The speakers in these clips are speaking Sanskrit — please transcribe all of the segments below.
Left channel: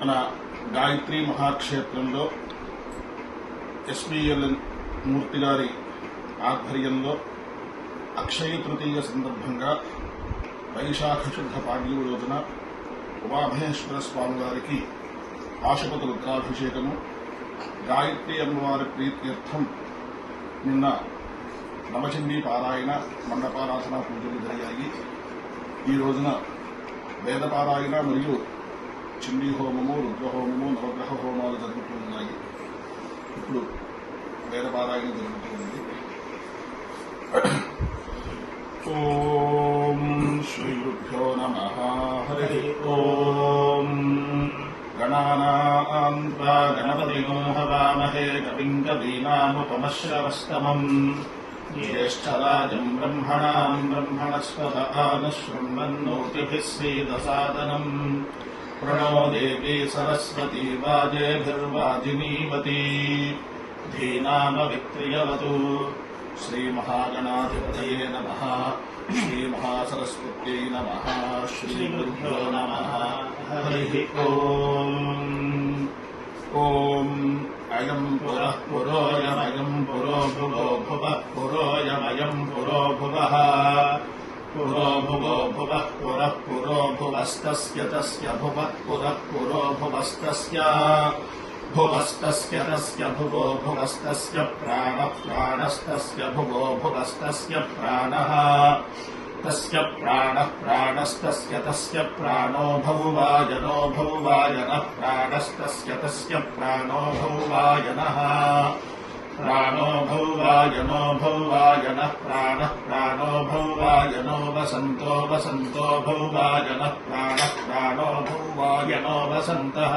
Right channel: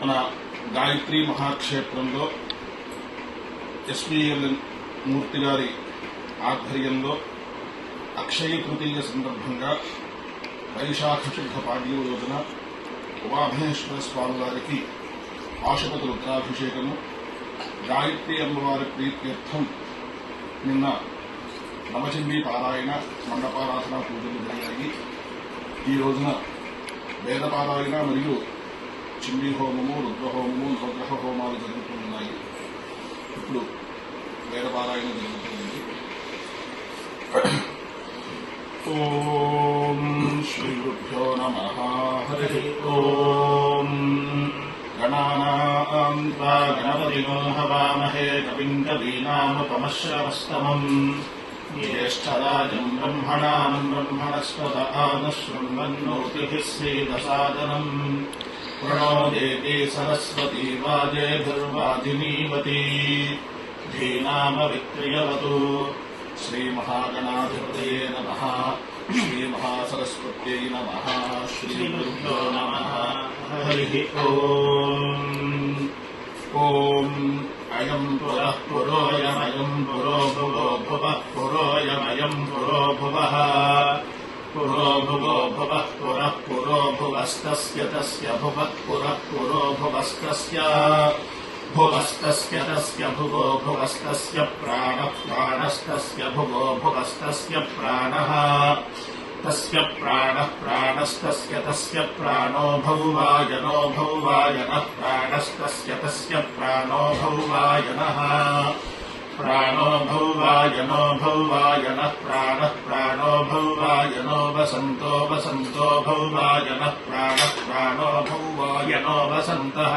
మన గాయత్రి మహాక్షేత్రంలో ఎస్పీఎల్ మూర్తి గారి ఆధ్వర్యంలో అక్షయ తృతీయ సందర్భంగా వైశాఖ శుద్ధ పాడ్యమ రోజున ఉమామహేశ్వర స్వామి వారికి ఆశుపతి రుద్రాభిషేకము, గాయత్రి అమ్మవారి ప్రీత్యర్థం నిన్న నవచండీ పారాయణ, మండపారాధన పూజలు జరిగాయి. ఈ రోజున వేదపారాయణ మరియు చండీ హోమము, రుద్రహోమము, నవగ్రహ హోమాలు జరుగుతున్నాయి. ఇప్పుడు వేదపారాయణ జరుగుతుంది. ఓం శ్రీ గురుభ్యో నమః. హరి ఓం. గణానాం త్వా గణపతిం హవామహే కవిం కవీనాముపమశ్రవస్తమం జ్యేష్ఠరాజం బ్రహ్మణాం బ్రహ్మణస్పత ఆనశృణ్వన్నోతిభిः శ్రీదసాదనం. ప్రణో దేవీ సరస్వతీ వాజేభిర్వాజినీవతి ధీనామవిక్రియవతు. శ్రీమహాగణాధిపతయే నమః. శ్రీమహాసరస్వత్యై నమః. శ్రీగురుభ్యో నమః. హరి ఓం. ఓం అయం పురః పురోయమయం పురో భువో భువః పురోయమయం పురో భువః పురో భువో భువః పురః పురో భువస్తస్య తస్య భువః పురః పురో భువస్తస్య భువస్తస్య తస్య భువో భువస్తస్య ప్రాణః ప్రాణస్తస్య భువో భువస్తస్య ప్రాణః తస్య ప్రాణః ప్రాణస్తస్య తస్య ప్రాణో భౌవాయనో భౌవాయనః ప్రాణస్తస్య తస్య ప్రాణో భౌవాయనః ప్రాణో భౌవాయనో భౌవాయనః ప్రాణః ప్రాణో భౌవాయనో వసంతో వసంతో భౌవాయనః ప్రాణః ప్రాణో భౌవాయనో వసంతః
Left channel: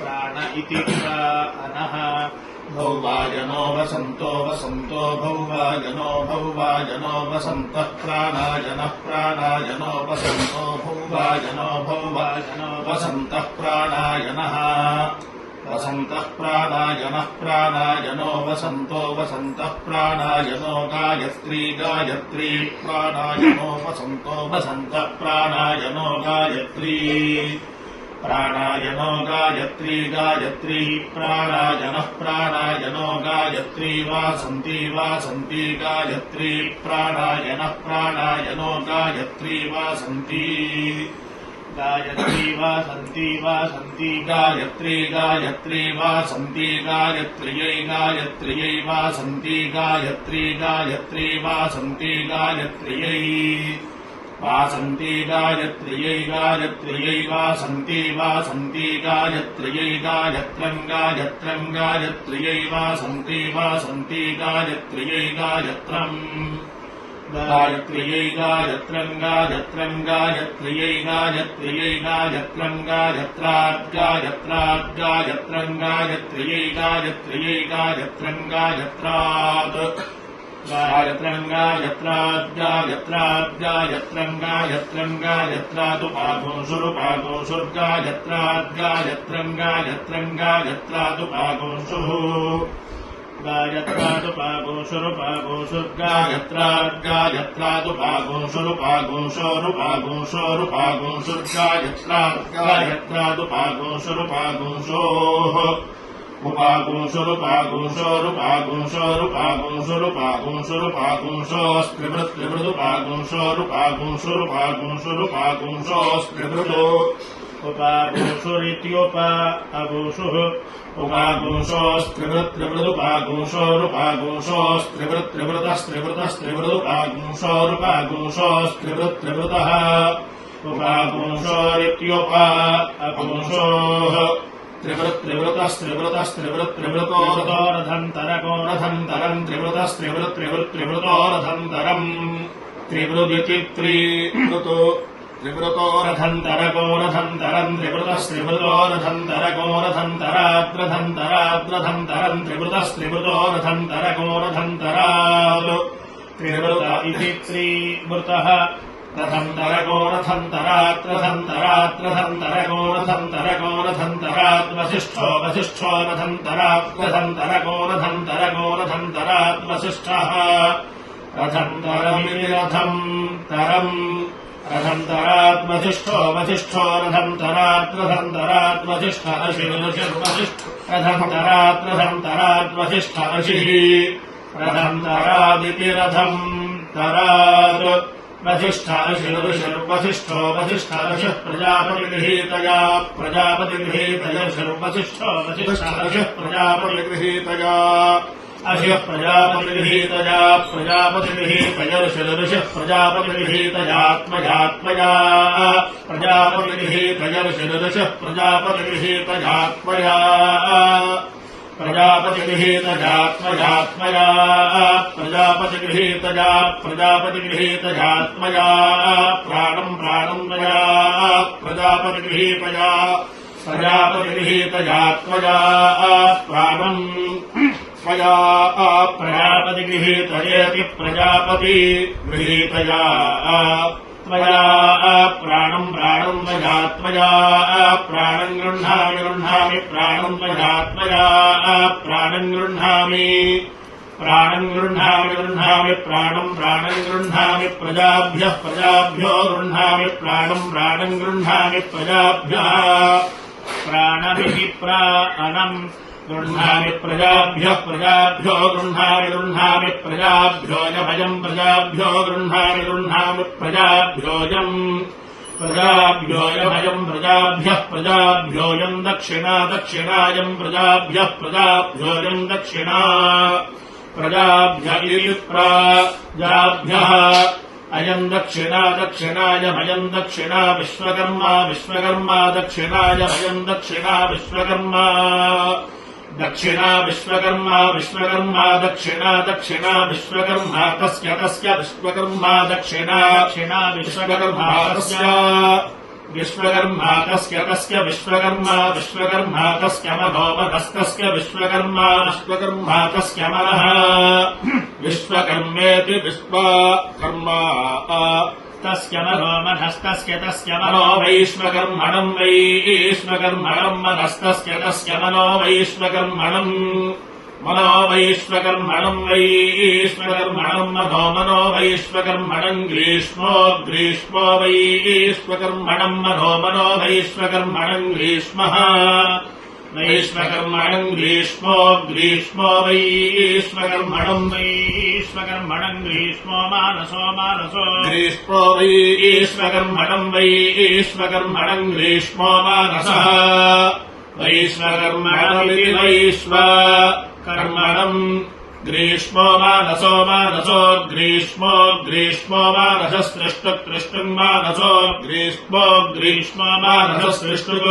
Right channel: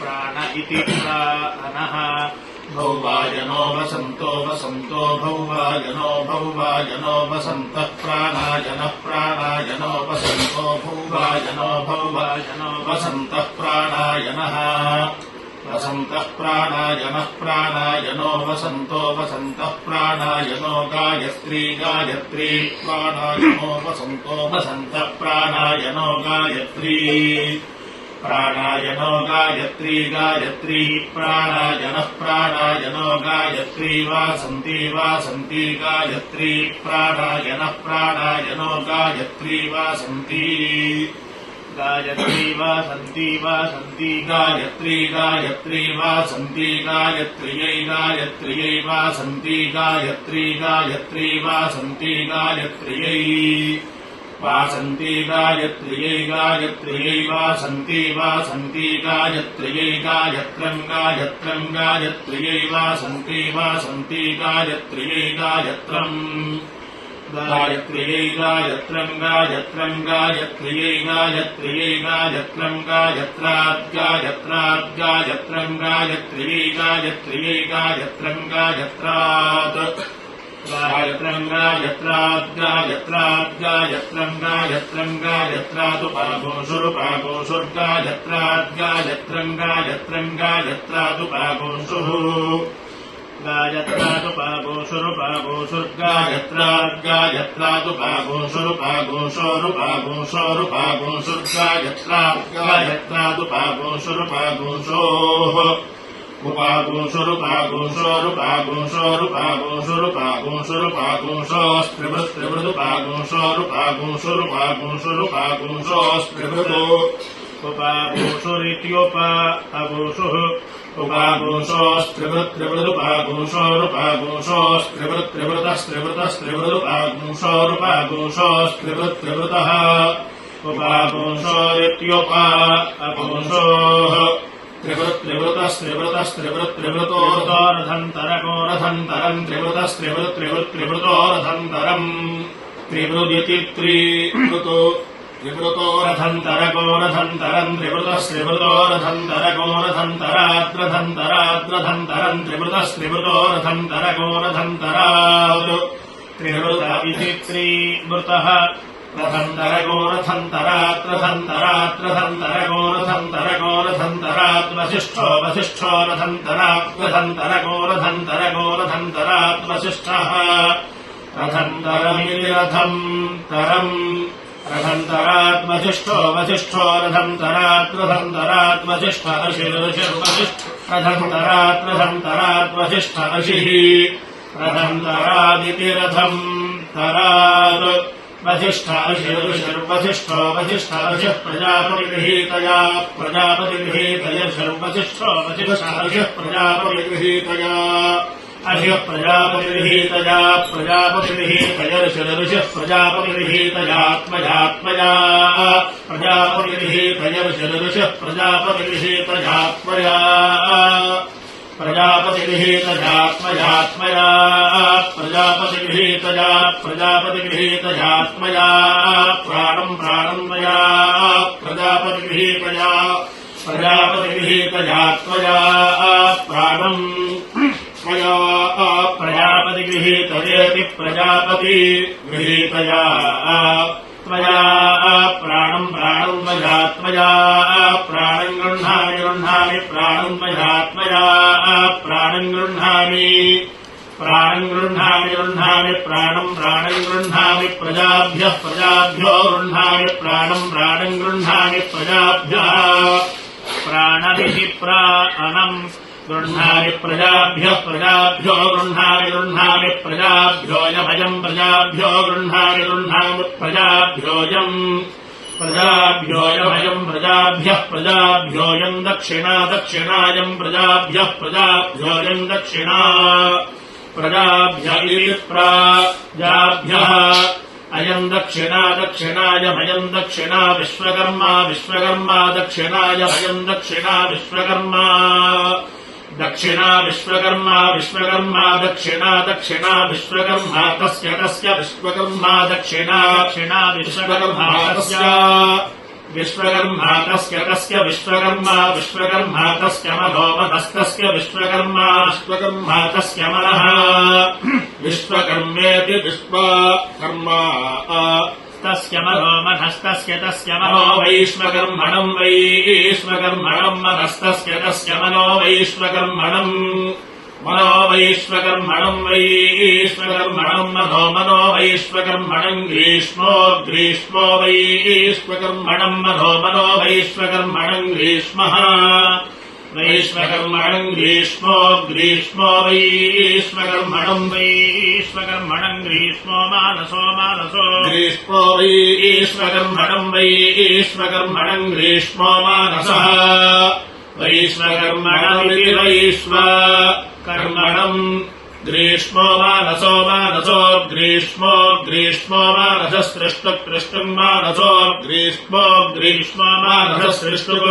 ప్రాణ ఇతి ప్రాణః భౌవాయనో వసంతో వసంతో భౌవాయనో భౌవాయనో వసంతః ప్రాణాయనః ప్రాణాయనో వసంతో భౌవాయనో భౌవాయనో వసంతః ప్రాణాయనః వసంతః ప్రాణాయనః ప్రాణాయనో వసంతో వసంతః ప్రాణాయనో గాయత్రీ గాయత్రీ ప్రాణాయనో వసంతో వసంతః ప్రాణాయనో గాయత్రీ ప్రాణాయనో గాయత్రీ గాయత్రీ ప్రాణాయనః ప్రాణాయనో గాయత్రీ వాసంతి వాసంతి గాయత్రీ ప్రాణాయనః ప్రాణాయనో గాయత్రీ వాసంతి గాయత్రీ వాసంతి వాసంతి గాయత్రీ గాయత్రీ వాసంతి గాయత్ర్యై గాయత్ర్యై వాసంతి గాయత్రీ గాయత్రీ వాసంతి గాయత్ర్యై వాసంతి గాయత్ర్యై గాయత్ర్యై వాసంతి వాసంతి గాయత్ర్యై గాయత్రం గాయత్రం గాయత్ర్యై వాసంతి వాసంతి గాయత్ర్యై గాయత్రం గాయత్ర్యై గాయత్రం గాయత్రం గాయత్ర్యై గాయత్ర్యై గాయత్రం గాయత్రాత్ గాయత్రాత్ గాయత్రం గాయత్ర్యై గాయత్ర్యై గాయత్రం గాయత్రాత్ గాయత్రం గాయత్రాత్ గాయత్రాత్ గాయత్రం గాయత్రం గాయత్రాదుపాగోషురుపాగోషుర్గాయత్రాత్ గాయత్రం గాయత్రం గాయత్రాదుపాగోషుః గాయత్రాదుపాగోషురుపాగోషుర్గాయత్రాత్ గాయత్రాదుపాగోషురుపాగోషోరుపాగోషుర్గాయత్రాత్ గాయత్రాదుపాగోషురుపాగోషోః ఉపాగోషురుపాగోషోరుపాగోషోరుపాగోషోరుపాగోషోరుపాగోషోరుపాగోషోస్త్రిభృతు ఉపాగోషురిత్యోపాగోషుః ఉపాగోషోస్త్రిభృత్త్రిభృత్త్రిభృతస్త్రిభృతస్త్రిభృతపాగోషోరుపాగోషోస్త్రిభృత్త్రిభృతः ఉపాగోషోరిత్యోపాగోషోః త్రిభృతస్త్రిభృతస్త్రిభృత్త్రిభృతోరథంతరకోరథంతరం త్రిభృతస్త్రిభృత్త్రిభృత్త్రిభృతోరథంతరం త్రిభృదితి త్రిభృతో త్రిభృతోరథంతరకోరథంతరం త్రిభృతస్త్రిభృతోరథంతరకోరథంతరాద్రథంతరాద్రథంతరం త్రిభృతస్త్రిభృతోరథంతరకోరథంతరాద్ త్రిభృత ఇతి త్రిభృతః రథంతరకోరథంతరాత్రథంతరాత్రథంతరకోరథంతరకోరథంతరాద్వసిష్ఠో వసిష్ఠో రథంతరాత్రథంతరకోరథంతరాద్వసిష్ఠः రథంతరమితి రథం తరం रथन्तरात् वसिष्ठो वसिष्ठो रथन्तरात् रथन्तरात् वसिष्ठ ऋषिर्वसिष्ठ रथन्तरात् वसिष्ठ ऋषिः रथन्तरादिति रथम् तरात् वसिष्ठ ऋषिर्वसिष्ठो वसिष्ठ ऋषिः प्रजापतिगृहीतया ऋषिर्वसिष्ठो वसिष्ठ ऋषिः प्रजापतिगृहीतया अभिः प्रजापतिगृहीतया ऋषिः प्रजापतिगृहीतयात्मजात्मया ऋषिः प्रजापतिगृहीतयात्मया प्रजापतिगृहीतयात्मया प्राणम् मया प्रजापतिगृहीतया प्राणम् मया प्रजापतिगृहीतयेति प्रजापतिगृहीतया मया प्राणम् मयात्मया प्राणम् गृह्णामि प्राणम् मयात्मया प्राणम् गृह्णामि प्राणम् गृह्णामि प्रजाभ्यः प्रजाभ्यो गृह्णामि प्राणम् गृह्णामि प्रजाभ्यः प्राणमिति प्राणम् गृह्णामि प्रजाभ्यः प्रजाभ्यो गृह्णामि प्रजाभ्योऽयमयम् प्रजाभ्यो गृह्णामि प्रजाभ्योऽयम् प्रजाभ्योऽयमयम् प्रजाभ्यः प्रजाभ्योऽयम् दक्षिणायम् प्रजाभ्यः प्रजाभ्योऽयम् दक्षिणा प्रजाभ्य इति प्राजाभ्यः अयम् दक्षिणायमयम् दक्षिणा विश्वकर्मा दक्षिणायमयम् दक्षिणा विश्वकर्मा दक्षिणा विश्वकर्मा दक्षिणा विश्वकर्मा तस्य विश्वकर्मा दक्षिणा विश्वकर्मा विश्वकर्मा तस्य विश्वकर्मा तस्य मनोमनस्तस्य विश्वकर्मा तस्य मनः विश्वकर्मेति विश्वकर्मा तस्य मनोमनस्तस्य तस्य मनो वैश्वकर्मणम् मनस्तस्य तस्य मनो वैश्वकर्मणम् मनो वैश्वकर्मणम् ग्रीष्मो वैश्वकर्मणम् मनो वैश्वकर्मणम् ग्रीष्मः वैश्वकर्मणम् ग्रीष्मो वैश्वकर्मणम् ग्रीष्मो मानसो ग्रीष्मो वैश्वकर्मणम् ग्रीष्मो मानसः वैश्वकर्मणमिति वैश्वकर्मणम् ग्रीष्मो मानसो ग्रीष्मो मानससृष्टुम् मानसो ग्रीष्मो मानससृष्टुः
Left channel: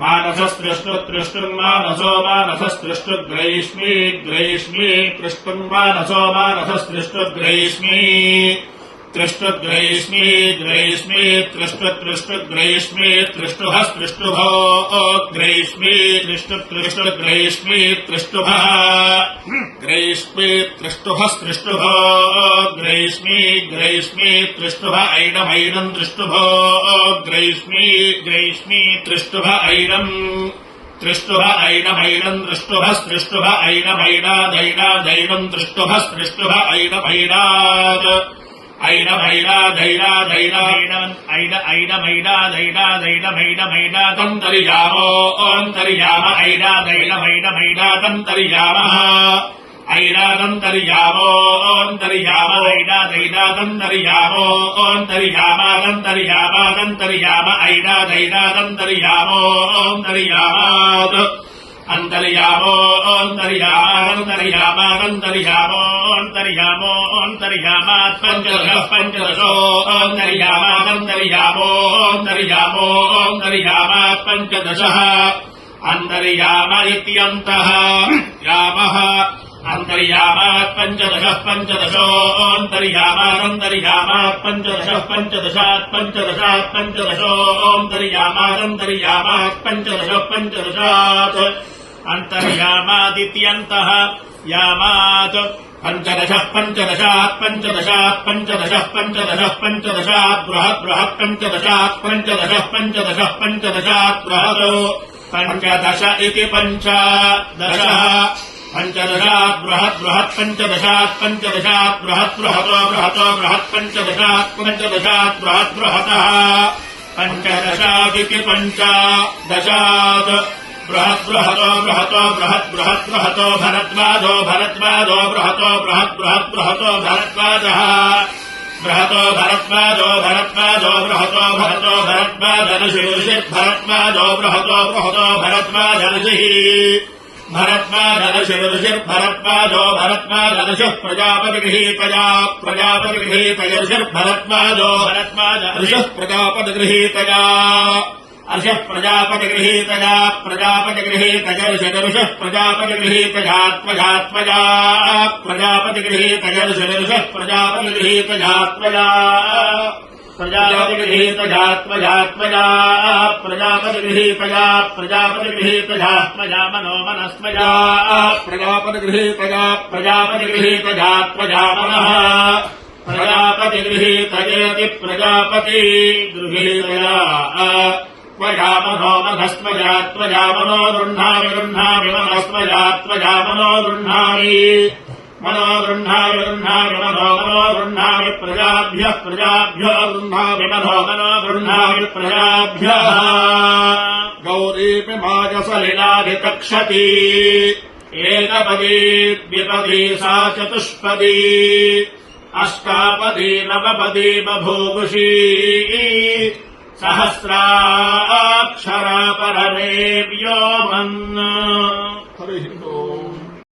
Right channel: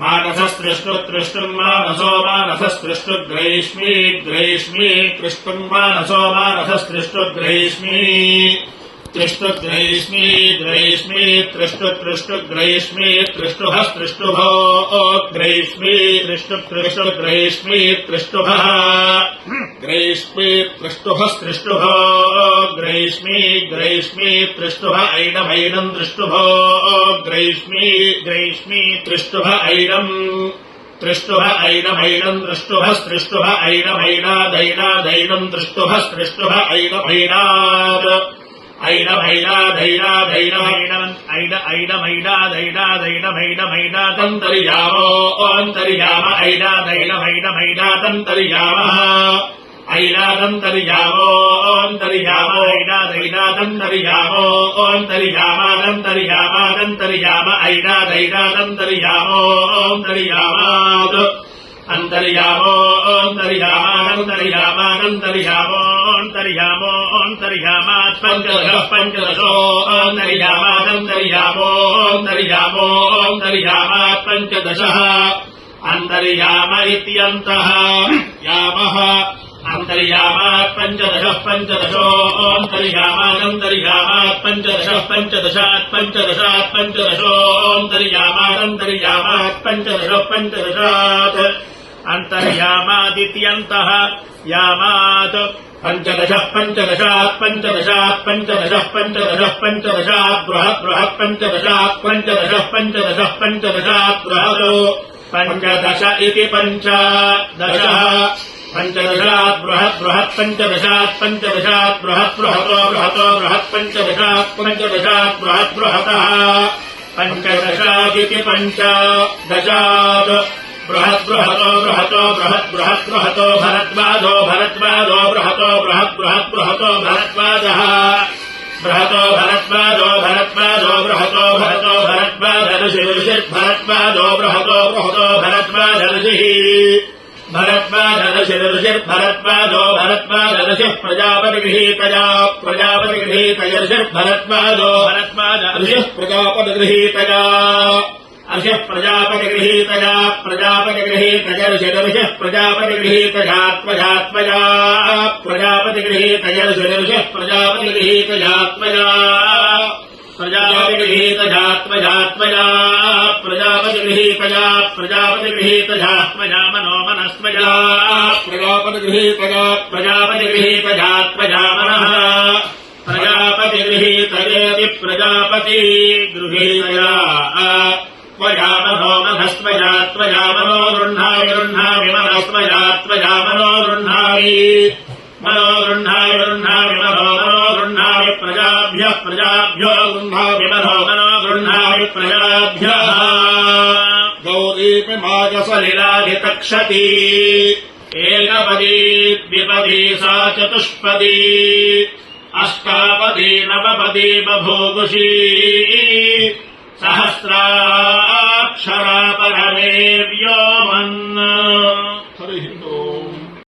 मानससृष्टुम् मानससृष्टुग्रैष्मी कृष्टुम् मानसो मानससृष्टुग्रैष्मी त्रिष्टुग्रैष्मी त्रिष्टुः सृष्टुभो ग्रैष्मी त्रिष्टुग्रैष्मी त्रिष्टुभः ग्रैष्मी त्रिष्टुः सृष्टुभो ग्रैष्मी त्रिष्टुभ ऐनमैनम् त्रिष्टुभो ग्रैष्मी त्रिष्टुभ ऐनम् ऐनमैनम् त्रिष्टुभ ऐनमैनादैनादैनम् त्रिष्टुभ ऐनमैनात् ऐनमैनादैनादैनमैनातन्तर्यामो अन्तर्याम ऐनादैनमैनातन्तर्यामः ऐनादन्तर्यामो ऐनादैनादन्तर्यामो अन्तर्यामादन्तर्यामादन्तर्याम ऐनादैनादन्तर्यामो अन्तर्यामात् अन्तर्यामो अन्तर्यामात् पञ्चदशो अन्तर्यामात् पञ्चदशः अन्तर्याम इत्यन्तः यामः अन्तर्यामात् पञ्चदशो अन्तर्यामात् पञ्चदशात् पञ्चदशो अन्तर्यामात् पञ्चदशात् अन्तर्यामादित्यन्तः यामात् पञ्चदशात् बृहत् पञ्चदशात् बृहत् पञ्चदश इति पञ्चदशः पञ्चदशात् बृहत् बृहत् पञ्चदशात् पञ्चदशात् बृहत् बृहतो बृहतो बृहत् पञ्चदशात् पञ्चदशात् बृहत् बृहतः पञ्चदशादिति पञ्चदशात् बृहत् बृहतो बृहतो बृहत् बृहत् बृहतो भरद्वाजो भरद्वाजो बृहतो बृहत् बृहत् बृहतो भरद्वाजः बृहतो भरद्वाजो भरद्वाजो बृहतो भरतो भरद्वाजऋषिर्भरद्वाजो बृहतो बृहतो भरद्वाजऋषिः भरद्वाजऋषिर्भरद्वाजो भरद्वाजऋषिः प्रजापतिगृहीतया प्रजापतिगृहीतयऋषिर्भरद्वाजो भरद्वाजऋषिः प्रजापतिगृहीतया ऋषिः प्रजापतिगृहीतया प्रजापतिगृहीतयऋषिः प्रजापतिगृहीतया त्वया त्वया प्रजापतिगृहीतयऋषिः प्रजापतिगृहीतया त्वया प्रजापतिगृहीतया त्वया त्वया प्रजापतिगृहीतया प्रजापतिगृहीतया त्वया मनो मनस्त्वया प्रजापतिगृहीतया प्रजापतिगृहीतया त्वया मनः प्रजापतिगृहीतयेति प्रजापतिगृहीतया त्वया मनो मनस्त्वया त्वया मनो गृह्णामि गृह्णामि मनस्त्वया त्वया मनो गृह्णामि मनो गृह्णामि गृह्णामि मनो मनो गृह्णामि प्रजाभ्यः प्रजाभ्यो गृह्णामि मनो मनो गृह्णामि प्रजाभ्यः गौरीपि मागसलिलाधिकक्षति एकपदी द्विपदी सा चतुष्पदी अष्टापदी नवपदी बभूवुषी सहस्राक्षरा परमे व्योमन्